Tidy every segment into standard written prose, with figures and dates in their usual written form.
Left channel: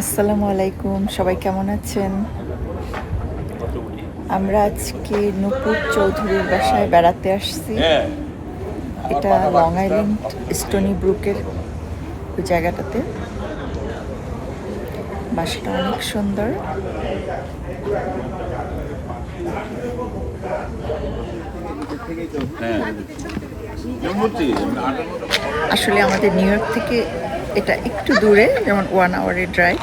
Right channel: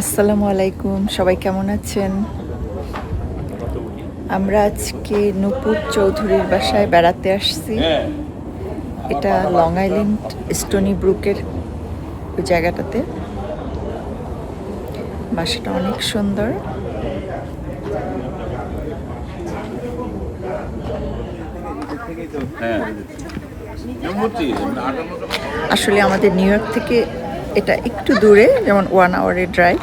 আসসালামু আলাইকুম, সবাই কেমন আছেন? আমরা আজকে নূপুর চৌধুরীর বাসায় বেড়াতে আসছি। এটা লং আইল্যান্ড স্টোনি ব্রুকের ওই জায়গাটাতে। বাসাটা অনেক সুন্দর। আসলে আমাদের নিউ ইয়র্ক থেকে এটা একটু দূরে, যেমন 1 আওয়ারের ড্রাইভ।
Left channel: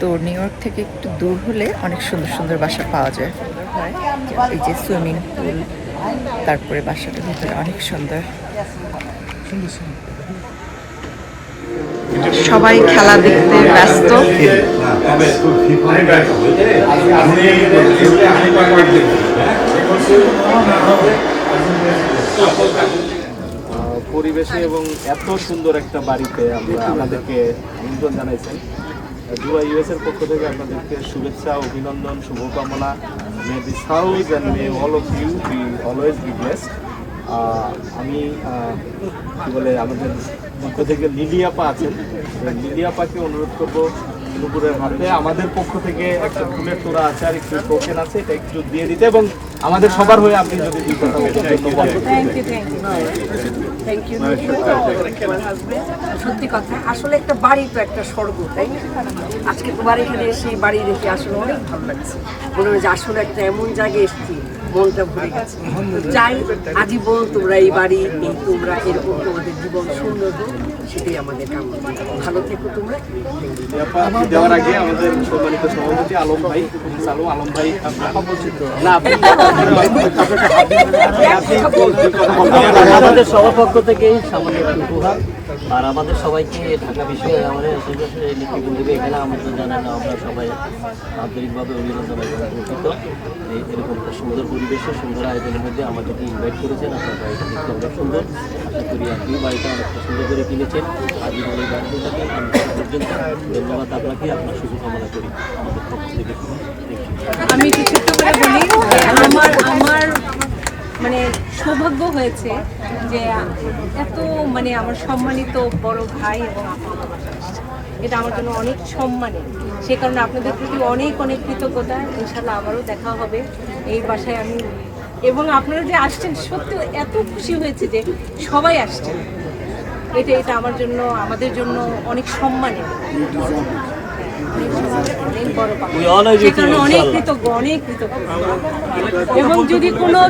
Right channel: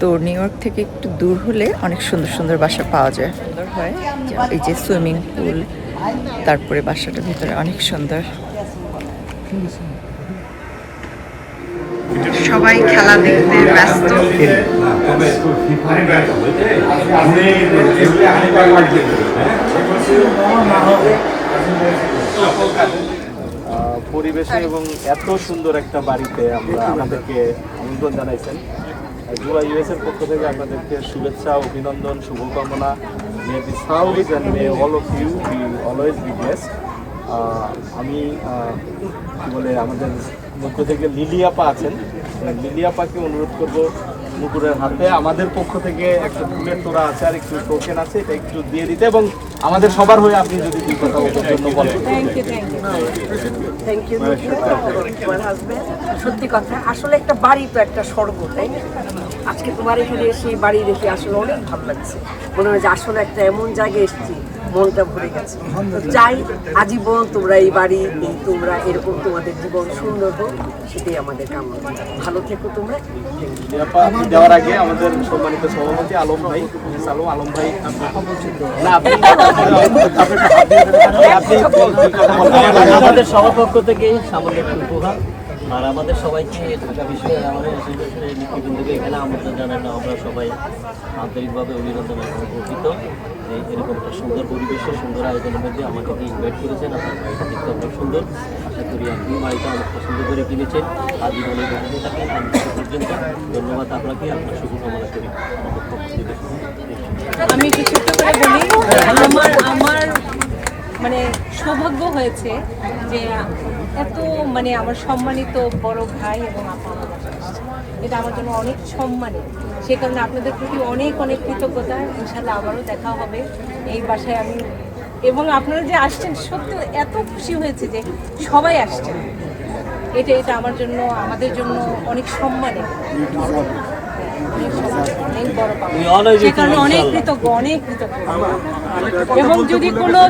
তো নিউ ইয়র্ক থেকে একটু দূর হলে অনেক সুন্দর সুন্দর বাসা পাওয়া যায়, সুন্দর হয়। এই যে সুইমিং পুল, তারপরে বাসাটার ভিতরে অনেক সুন্দর। সবাই খেলা দেখতে ব্যস্ত। পরিবেশে এবং এত সুন্দর একটা বাড়িতে আমাদেরকে আমন্ত্রণ জানাইছেন। জুয়া ইউএস এর পক্ষ থেকে আপনাদেরকে শুভেচ্ছা, অভিনন্দন, শুভকামনা। May this house and may all of you be always be blessed. আমি কি বলে আমাদের পক্ষ থেকে লিলি আপা আছেন, লিলি আপাকে অনুরোধ করবো নুপুরের হাতে আমাদের পক্ষ থেকে একটা ফুলের তোড়া আছে আর একটু টোকেন আছে, এটা একটু দিয়ে দিতে, এবং আমাদের সবার হয়ে আপনি যদি দুই কথা বলেন। সত্যি কথা, আসলে একটা বাড়ি তো একটা স্বর্গ, তাই না? আজকে তোমার এখানে এসে বাড়ি দেখে আসলে অনেক ভালো লাগছে। মনে হয় যে আসলে একটা এমন জায়গায় এসেছি, মনটা ভরে গেছে। চাই আজীবন তোমরা এই বাড়ি, তোমরা এরকম তোমাদের জীবন সুন্দর হোক, সেটাই আমাদের কামনা। ভালো থেকো তোমরা। দেওয়ার আগে আমাদের সম্মানিত সভাপতি আলম ভাই, আলম ভাই আমাদের সবার পক্ষ থেকে সামান্য একটু উপহার, আর আমাদের সবাইকে ঢাকা বিশ্ববিদ্যালয় আমাদের নেতৃবৃন্দকে এখানে আমন্ত্রণ জানানো, আমরা সবাই আন্তরিকভাবে অভিনন্দন এবং গর্বিত। এরকম একটা সুন্দর পরিবেশে, সুন্দর আয়োজনের মধ্যে আমাদেরকে ইনভাইট করেছেন। আপনার বাড়িটা দেখতে অনেক সুন্দর। আশা করি আপনি বাড়িটা অনেকটা সুন্দর করে কিনেছেন। আজীবনের গাড়িতে থাকেন পর্যন্ত। ধন্যবাদ আপনাকে, আপনার শুভকামনা করি আমাদের পক্ষ থেকে। আমি একটু ছোট্ট করে বলি, আমার মানে সৌভাগ্য হয়েছে যে এত আমার সম্মানিত বড় ভাই এবং আপা আমার বাসায় এসেছে। এটা আমার জন্য অনেক সম্মানের। সে কারণে আপনাদের প্রতি অনেক অনেক কৃতজ্ঞতা। ইনশাল্লাহ আবারও দেখা হবে এই বাসায়। আমি এবং আপনারা যে আসছেন, সত্যি এত খুশি হয়েছে যে সবাই আসছেন। এটা আমার জন্য, আমাদের জন্য অনেক সম্মানের, অনেক বড় পাওয়া। সে কারণে অনেক কৃতজ্ঞ, অনেক কৃতজ্ঞ। এবং যদি কোনো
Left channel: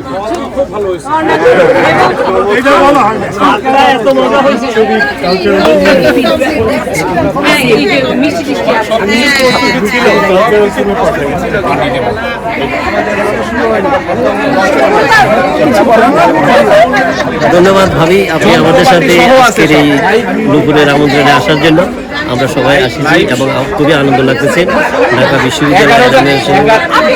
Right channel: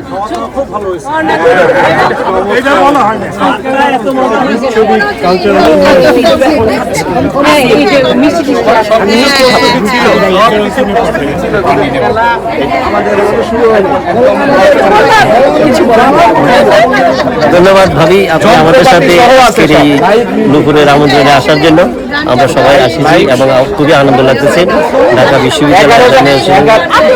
ধন্যবাদ ভাবি, আপনি আমাদের সাথে আজকের এই নুপুরের আমন্ত্রণে আসার জন্য। আমরা সবাই আসিছি এবং খুবই আনন্দ লাগতেছে। ঢাকা বিশ্ববিদ্যালয়ের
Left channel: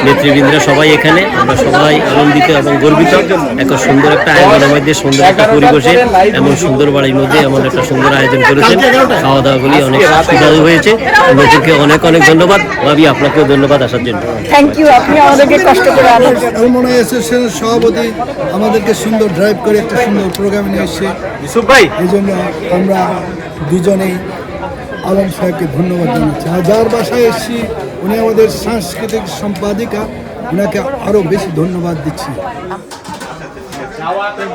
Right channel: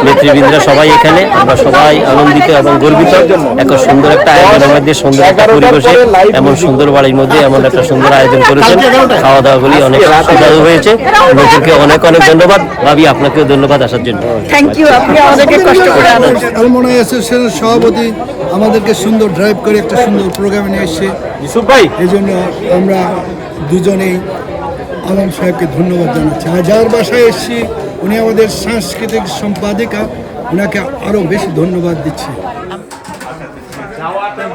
নেতৃবৃন্দরা সবাই এখানে, আমরা সবাই আনন্দিত এবং গর্বিত। একটা সুন্দর একটা আয়োজনের মধ্যে, সুন্দর একটা পরিবেশে, এমন সুন্দর বাড়ির মধ্যে এমন একটা সুন্দর আয়োজন করেছেন। খাওয়া দাওয়াগুলি অনেক সুস্বাদু হয়েছে। নতুনকে অনেক অনেক ধন্যবাদ ভাবি, আপনাকেও ধন্যবাদ আসার জন্য। থ্যাংক ইউ, আপনি আমাদেরকে কষ্ট করে আলমনা অ্যাসোসিয়েশনের সভাপতি আমাদেরকে সুন্দর ড্রাইভ করে একটা সুন্দর প্রোগ্রামে নিয়ে এসে এই জন্য আমরা দুজনেই আলম সাহেবকে ধন্যবাদ জানাচ্ছি। আর যার বাসায় এসেছি উনি আমাদের সাংস্কৃতিক সম্পাদিকা, ওনাকে আরও বেশি ধন্যবাদ দিচ্ছি। আমাদের